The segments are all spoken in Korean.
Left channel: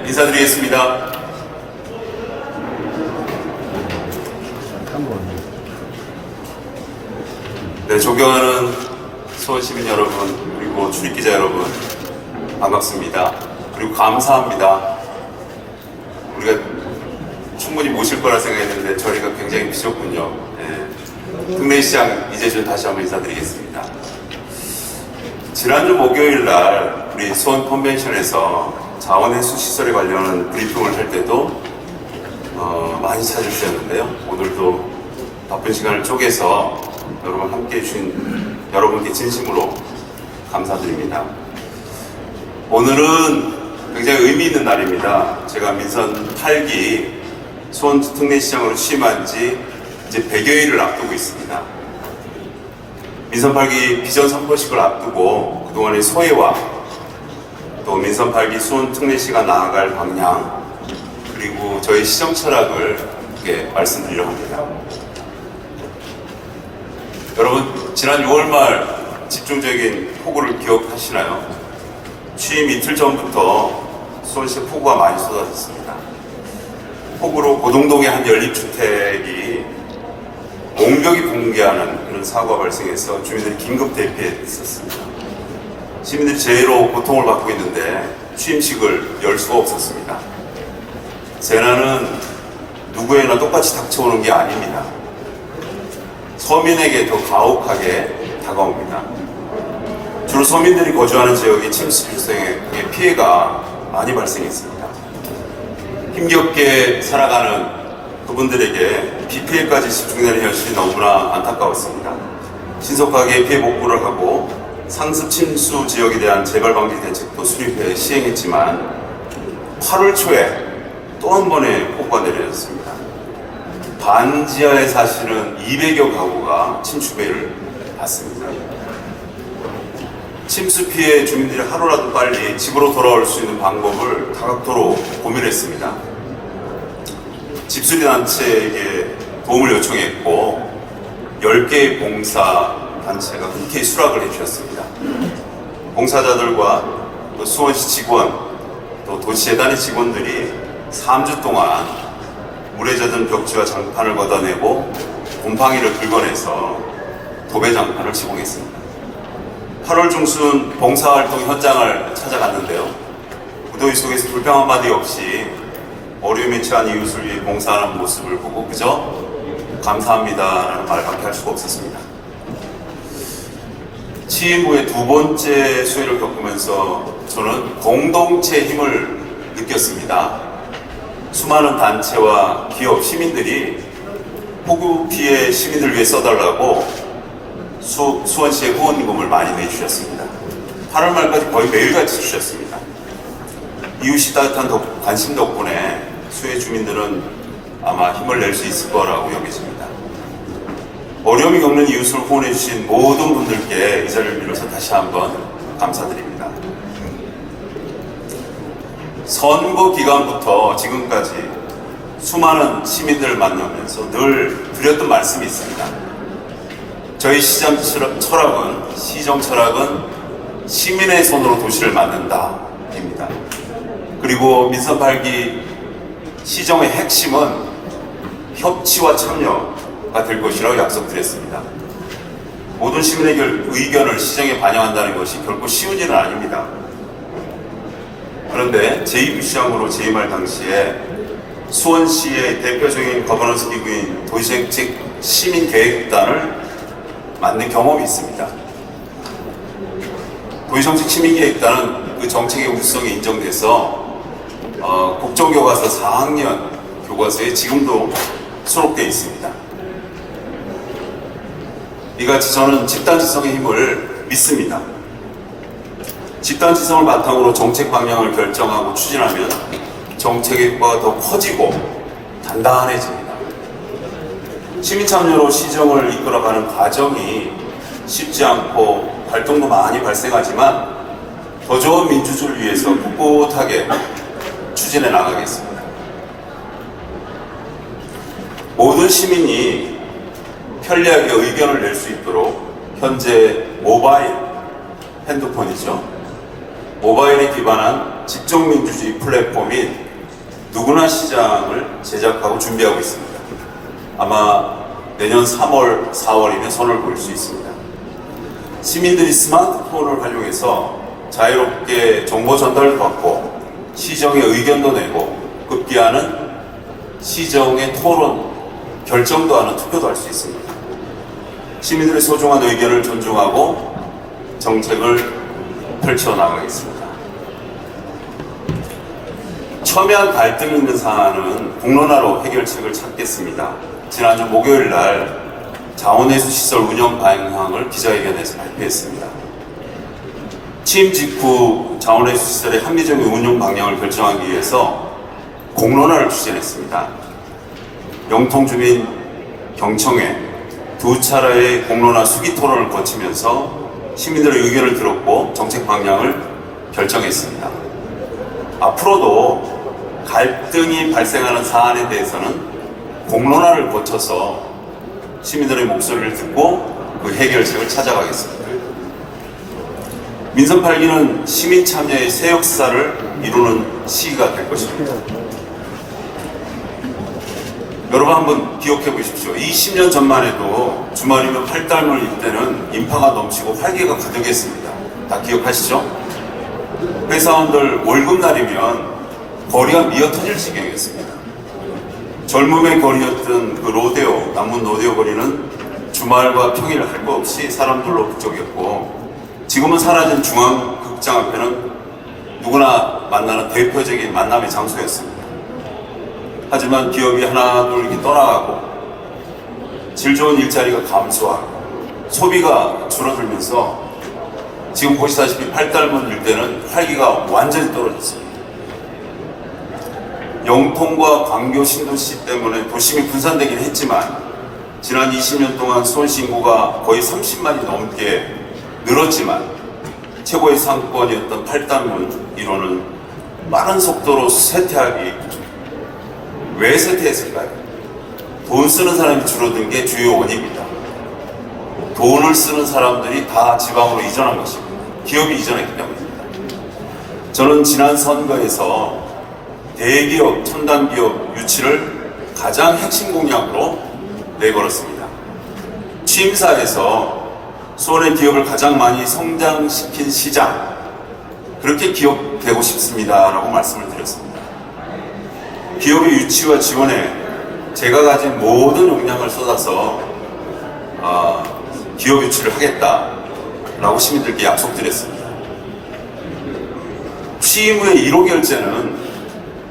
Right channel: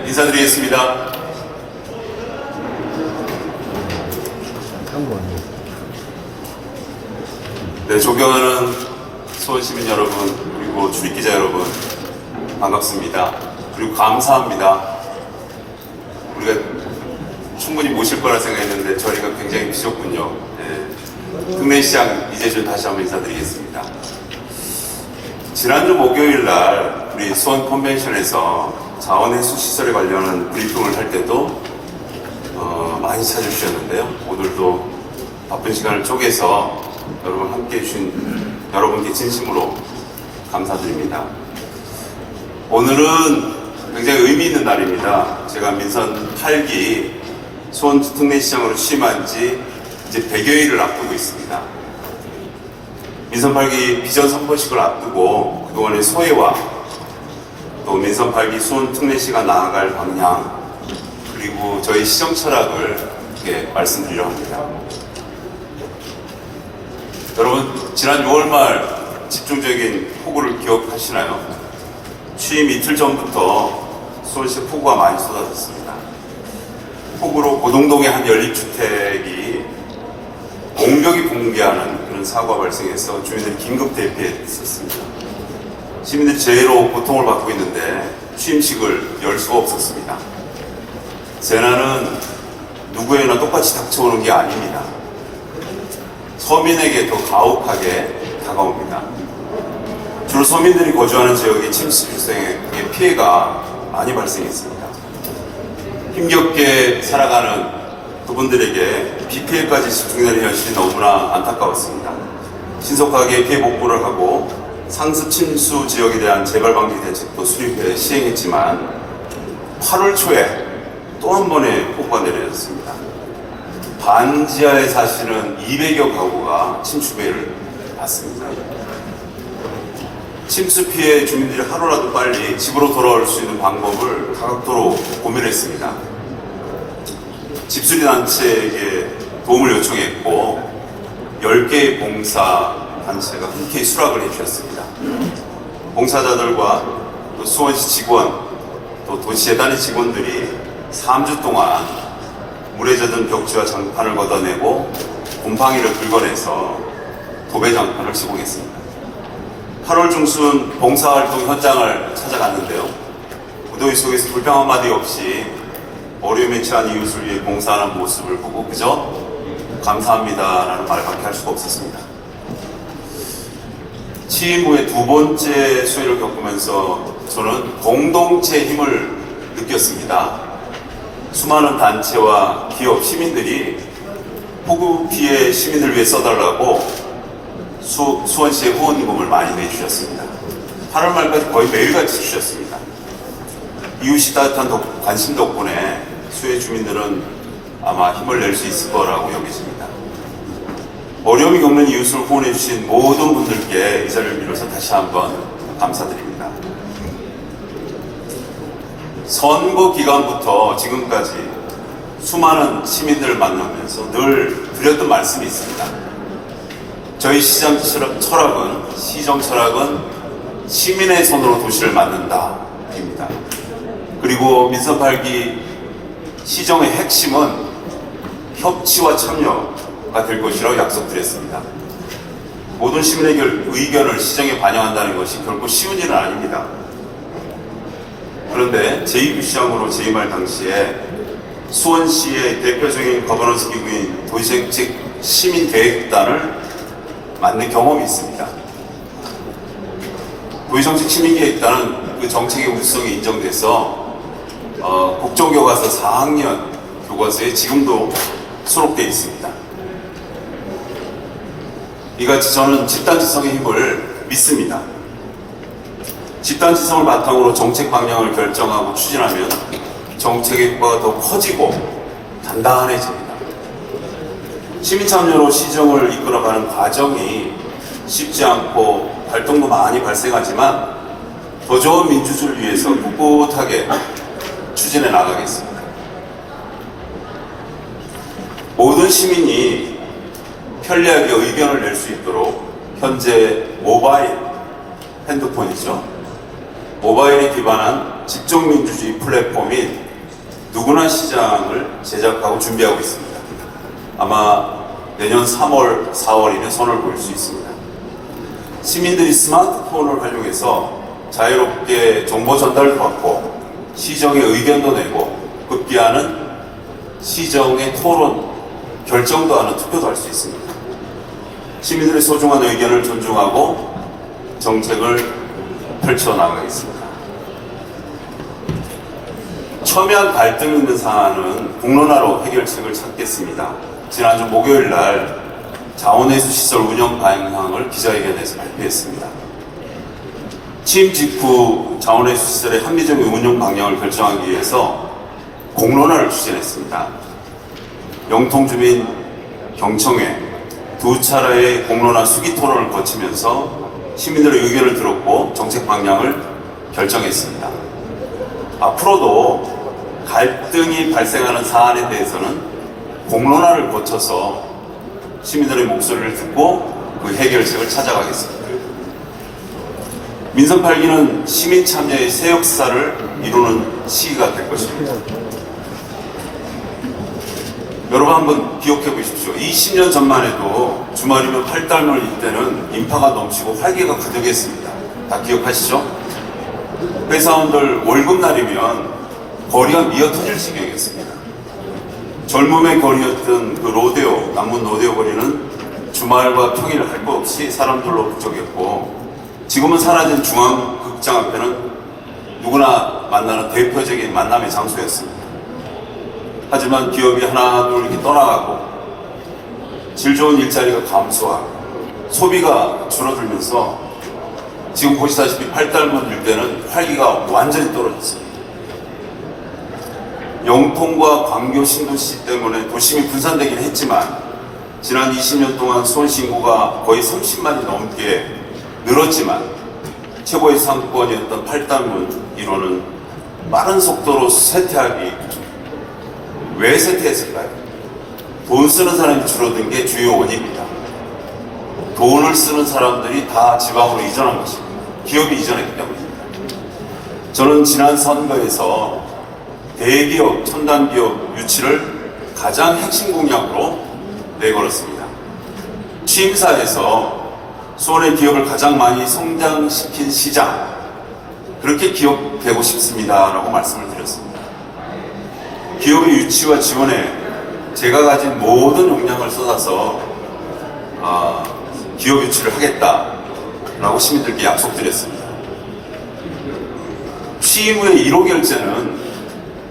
인사드리겠습니다. 네, 존경하는 수원시민 여러분, 그리고 출입기자 여러분, 반갑습니다. 그리고 감사합니다. 우리가 충분히 모실 거라 생각했는데 저희가 굉장히 부족군요. 네. 국내시장 이재준 다시 한번 인사드리겠습니다. 지난주 목요일 날 우리 수원 컨벤션에서 자원해수시설에 관련한 브리핑을 할 때도 많이 찾아주셨는데요. 오늘도 바쁜 시간을 쪼개서 여러분 함께 해주신 여러분께 진심으로 감사드립니다. 오늘은 굉장히 의미 있는 날입니다. 제가 민선 8기 수원 특례시장으로 취임한 지 이제 100여일을 앞두고 있습니다. 민선 8기 비전 선포식을 앞두고 그동안의 소회와 또 민선 8기 수원 특례시가 나아갈 방향 그리고 저희 시정 철학을 이렇게 말씀드리려고 합니다. 여러분, 지난 6월 말 집중적인 폭우를 기억하시나요? 취임 이틀 전부터 수원시에 폭우가 많이 쏟아졌습니다. 폭우로 고동동의 한 연립주택이 옹벽이 붕괴하는 그런 사고가 발생해서 주민들이 긴급 대피했었습니다. 시민들이 제로 고통을 받고 있는데 취임식을 열 수가 없었습니다. 재난은 누구에나 똑같이 닥쳐오는 게 아닙니다. 서민에게 더 가혹하게 다가옵니다. 주로 서민들이 거주하는 지역의 침수 발생에 피해가 많이 발생했습니다. 힘겹게 살아가는 그분들에게 비 피해까지 집중되는 현실이 너무나 안타까웠습니다. 신속하게 피해 복구를 하고 상습 침수 지역에 대한 재발 방지 대책도 수립해 시행했지만 8월 초에 또 한 번의 폭우가 내려졌습니다. 반지하에 사시는 200여 가구가 침수 피해를 받습니다. 침수 피해 주민들이 하루라도 빨리 집으로 돌아올 수 있는 방법을 다각도로 고민했습니다. 집수리 단체에게 도움을 요청했고 10개의 봉사 단체가 흔쾌히 수락을 해주셨습니다. 봉사자들과 또 수원시 직원, 또 도시재단의 직원들이 3주 동안 물에 젖은 벽지와 장판을 걷어내고 곰팡이를 긁어내서 도배장판을 시공했습니다. 8월 중순 봉사활동 현장을 찾아갔는데요. 무더위 속에서 불평 한마디 없이 어려움에 처한 이웃을 위해 봉사하는 모습을 보고 그저 감사합니다라는 말밖에 할 수가 없었습니다. 취임 후에 두 번째 수해를 겪으면서 저는 공동체의 힘을 느꼈습니다. 수많은 단체와 기업, 시민들이 폭우 피해 시민을 위해 써달라고 수원시에 후원금을 많이 내주셨습니다. 8월 말까지 거의 매일같이 주셨습니다. 이웃이 따뜻한 관심 덕분에 수해 주민들은 아마 힘을 낼 수 있을 거라고 여겨집니다. 어려움이 겪는 이웃을 후원해 주신 모든 분들께 이 자리를 빌어서 다시 한번 감사드립니다. 선거 기간부터 지금까지 수많은 시민들을 만나면서 늘 드렸던 말씀이 있습니다. 저희 시정 철학은 시민의 손으로 도시를 만든다 입니다. 그리고 민선 8기 시정의 핵심은 협치와 참여가 될 것이라고 약속드렸습니다. 모든 시민의 의견을 시정에 반영한다는 것이 결코 쉬운 일은 아닙니다. 그런데 제2부시장으로 재임할 당시에 수원시의 대표적인 거버넌스 기구인 도시정책 시민계획단을 만든 경험이 있습니다. 도시정책 시민계획단은 그 정책의 우수성이 인정돼서 국정교과서 4학년 교과서에 지금도 수록되어 있습니다. 이같이 저는 집단지성의 힘을 믿습니다. 집단지성을 바탕으로 정책 방향을 결정하고 추진하면 정책의 효과가 더 커지고 단단해집니다. 시민참여로 시정을 이끌어가는 과정이 쉽지 않고 갈등도 많이 발생하지만 더 좋은 민주주의를 위해서 꿋꿋하게 추진해 나가겠습니다. 모든 시민이 편리하게 의견을 낼 수 있도록 현재 모바일 핸드폰이죠. 모바일에 기반한 직종민주주의 플랫폼인 누구나 시장을 제작하고 준비하고 있습니다. 아마 내년 3월, 4월 이내 선을 볼 수 있습니다. 시민들이 스마트폰을 활용해서 자유롭게 정보 전달을 받고 시정의 의견도 내고 급기야는 시정의 토론, 결정도 하는 투표도 할 수 있습니다. 시민들의 소중한 의견을 존중하고 정책을 펼쳐나가겠습니다. 첨예한 갈등이 있는 사안은 공론화로 해결책을 찾겠습니다. 지난주 목요일 날 자원회수 시설 운영 방향을 기자회견에서 발표했습니다. 취임 직후 자원회수 시설의 합리적인 운영 방향을 결정하기 위해서 공론화를 추진했습니다. 영통주민 경청회 두 차례의 공론화 수기 토론을 거치면서 시민들의 의견을 들었고 정책 방향을 결정했습니다. 앞으로도 갈등이 발생하는 사안에 대해서는 공론화를 거쳐서 시민들의 목소리를 듣고 그 해결책을 찾아가겠습니다. 민선 8기는 시민 참여의 새 역사를 이루는 시기가 될 것입니다. 여러분 한번 기억해 보십시오. 20년 전만 해도 주말이면 팔달물 일때는 인파가 넘치고 활기가 가득했습니다. 다 기억하시죠? 회사원들 월급날이면 거리가 미어터질 지경이었습니다. 젊음의 거리였던 그 로데오, 남문 로데오 거리는 주말과 평일 할 것 없이 사람들로 북적였고 지금은 사라진 중앙극장 앞에는 누구나 만나는 대표적인 만남의 장소였습니다. 하지만 기업이 하나둘 이렇게 떠나가고 질 좋은 일자리가 감소하고 소비가 줄어들면서 지금 보시다시피 팔달문 일대는 활기가 완전히 떨어졌습니다. 영통과 광교 신도시 때문에 도심이 분산되긴 했지만 지난 20년 동안 수원시 인구가 거의 30만이 넘게 늘었지만 최고의 상권이었던 팔달문 1호는 빠른 속도로 쇠퇴하기 왜 쇠퇴했을까요? 돈 쓰는 사람이 줄어든 게 주요 원인입니다. 돈을 쓰는 사람들이 다 지방으로 이전한 것입니다. 기업이 이전했기 때문입니다. 저는 지난 선거에서 대기업, 첨단기업 유치를 가장 핵심 공약으로 내걸었습니다. 취임사에서 수원의 기업을 가장 많이 성장시킨 시장, 그렇게 기억되고 싶습니다 라고 말씀을 드렸습니다. 기업의 유치와 지원에 제가 가진 모든 역량을 쏟아서 기업 유치를 하겠다라고 시민들께 약속드렸습니다. 취임 후의 1호 결제는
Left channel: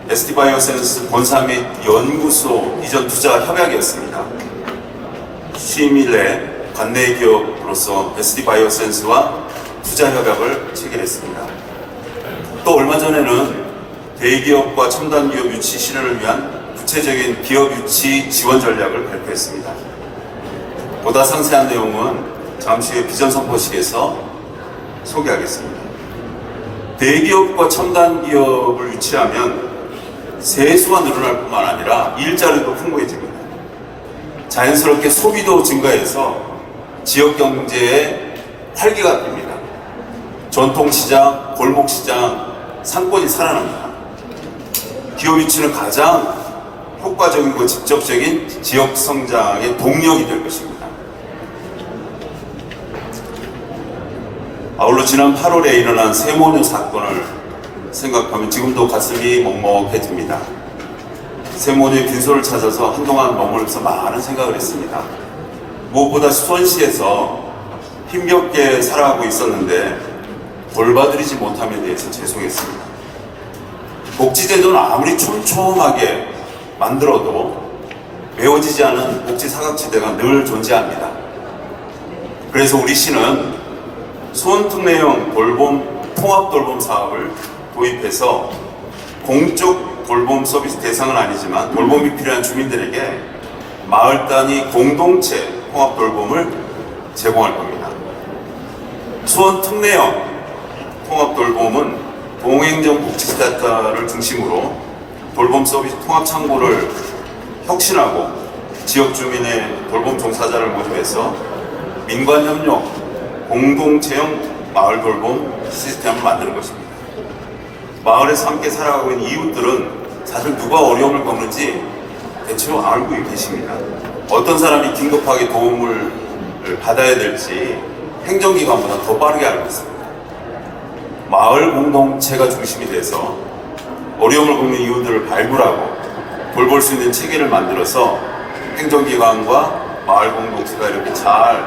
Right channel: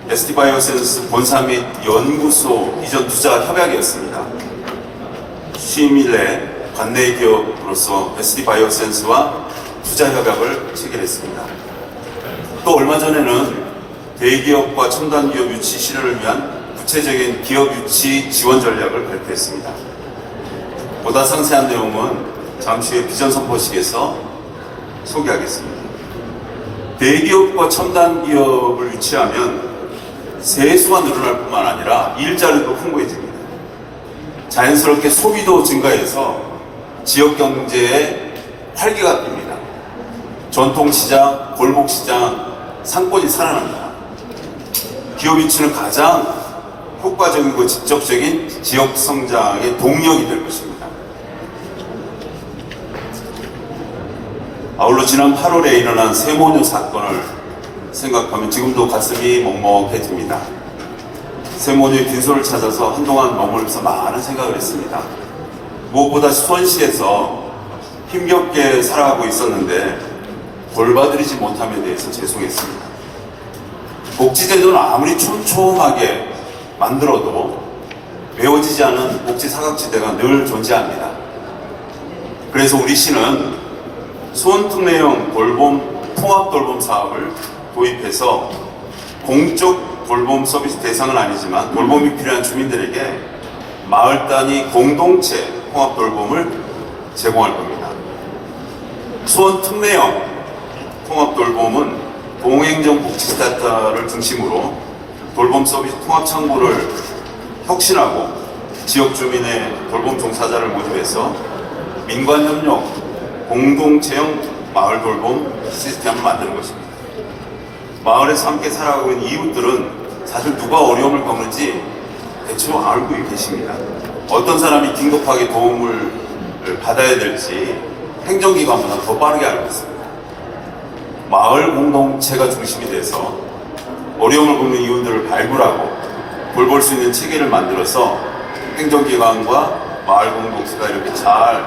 ST바이오센스 본사 및 연구소 이전 투자 협약이었습니다. 취임 이래 관내 기업으로서 ST바이오센스와 투자 협약을 체결했습니다. 또 얼마 전에는 대기업과 첨단기업 유치 실현을 위한 구체적인 기업 유치 지원 전략을 발표했습니다. 보다 상세한 내용은 잠시 후에 비전 선포식에서 소개하겠습니다. 대기업과 첨단기업을 유치하면 세수가 늘어날 뿐만 아니라 일자리도 풍부해집니다. 자연스럽게 소비도 증가해서 지역 경제에 활기가 듭니다. 전통시장, 골목시장, 상권이 살아납니다. 기업 유치는 가장 효과적이고 직접적인 지역 성장의 동력이 될 것입니다. 아울러 지난 8월에 일어난 세모녀 사건을 생각하면 지금도 가슴이 먹먹해집니다. 세모녀의 빈소를 찾아서 한동안 머물면서 많은 생각을 했습니다. 무엇보다 수원시에서 힘겹게 살아가고 있었는데 돌봐드리지 못함에 대해서 죄송했습니다. 복지제도는 아무리 촘촘하게 만들어도 메워지지 않은 복지 사각지대가 늘 존재합니다. 그래서 우리 시는 수원특례형 돌봄, 통합돌봄 사업을 도입해서 공적 돌봄 서비스 대상은 아니지만 돌봄이 필요한 주민들에게 마을 단위 공동체 통합돌봄을 제공할 겁니다. 수원특례형 통합돌봄은 동행정 복지센터를 중심으로 돌봄 서비스 통합 창구를 혁신하고 지역 주민의 돌봄 종사자를 모집해서 민관 협력 공동체형 마을 돌봄 시스템을 만드는 것입니다. 마을에서 함께 살아가고 있는 이웃들은 사실 누가 어려움을 겪는지 대충 알고 계십니다. 어떤 사람이 긴급하게 도움을 받아야 될지 행정기관보다 더 빠르게 알고 있습니다. 마을 공동체가 중심이 돼서 어려움을 겪는 이웃들을 발굴하고 돌볼 수 있는 체계를 만들어서 행정기관과 마을 공동체가 이렇게 잘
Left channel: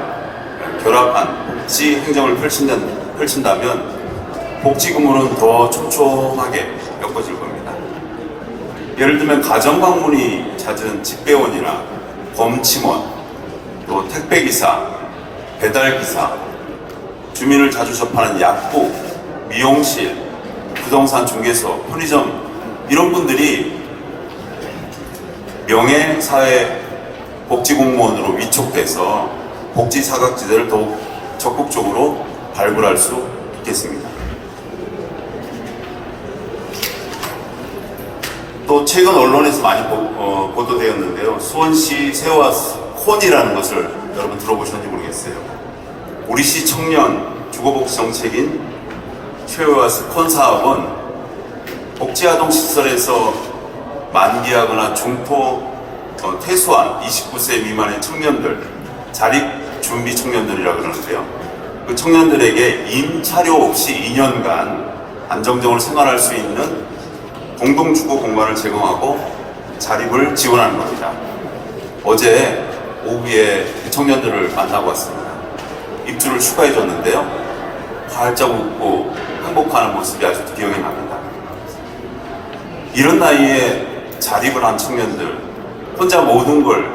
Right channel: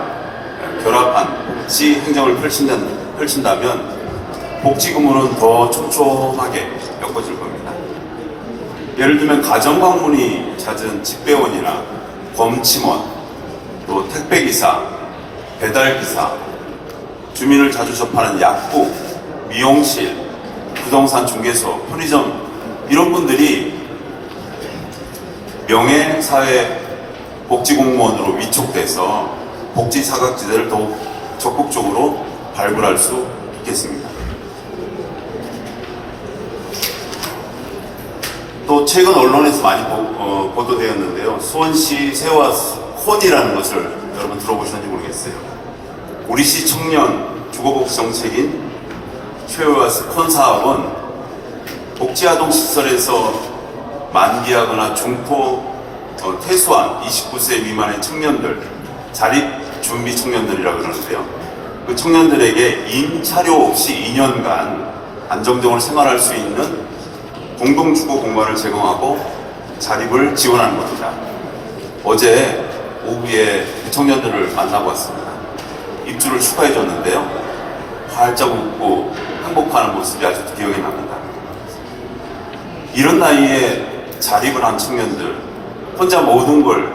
결합한 복지 행정을 펼친다면 복지 근무는 더 촘촘하게 엮어질 겁니다. 예를 들면 가정방문이 잦은 집배원이나 검침원, 또 택배기사, 배달기사, 주민을 자주 접하는 약국, 미용실, 부동산 중개소, 편의점 이런 분들이 명예사회 복지공무원으로 위촉돼서 복지 사각지대를 더욱 적극적으로 발굴할 수 있겠습니다. 또 최근 언론에서 많이 보도되었는데요. 수원시 세화 콘이라는 것을 여러분 들어보셨는지 모르겠어요. 우리시 청년 주거복지 정책인 세화스 콘 사업은 복지아동시설에서 만기하거나 중포 퇴소한 29세 미만의 청년들, 자립준비 청년들이라고 그러는데요. 그 청년들에게 임차료 없이 2년간 안정적으로 생활할 수 있는 공동주거 공간을 제공하고 자립을 지원하는 겁니다. 어제 오후에 그 청년들을 만나고 왔습니다. 입주를 축하해줬는데요. 활짝 웃고 행복해하는 모습이 아주 기억에 납니다. 이런 나이에 자립을 한 청년들, 혼자 모든 걸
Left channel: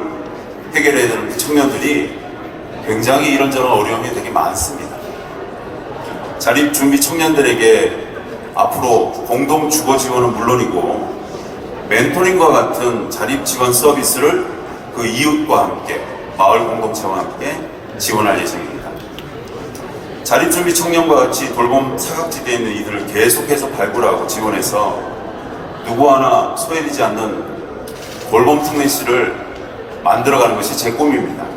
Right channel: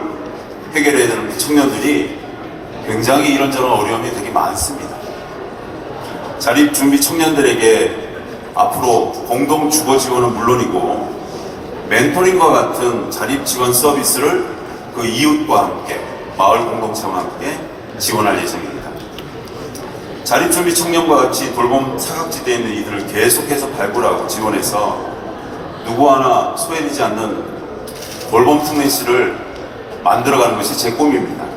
해결해야 되는 그 청년들이 굉장히 이런저런 어려움이 되게 많습니다. 자립준비 청년들에게 앞으로 공동 주거 지원은 물론이고 멘토링과 같은 자립 지원 서비스를 그 이웃과 함께 마을 공동체와 함께 지원할 예정입니다. 자립준비 청년과 같이 돌봄 사각지대에 있는 이들을 계속해서 발굴하고 지원해서 누구 하나 소외되지 않는 돌봄 특례시를 만들어가는 것이 제 꿈입니다.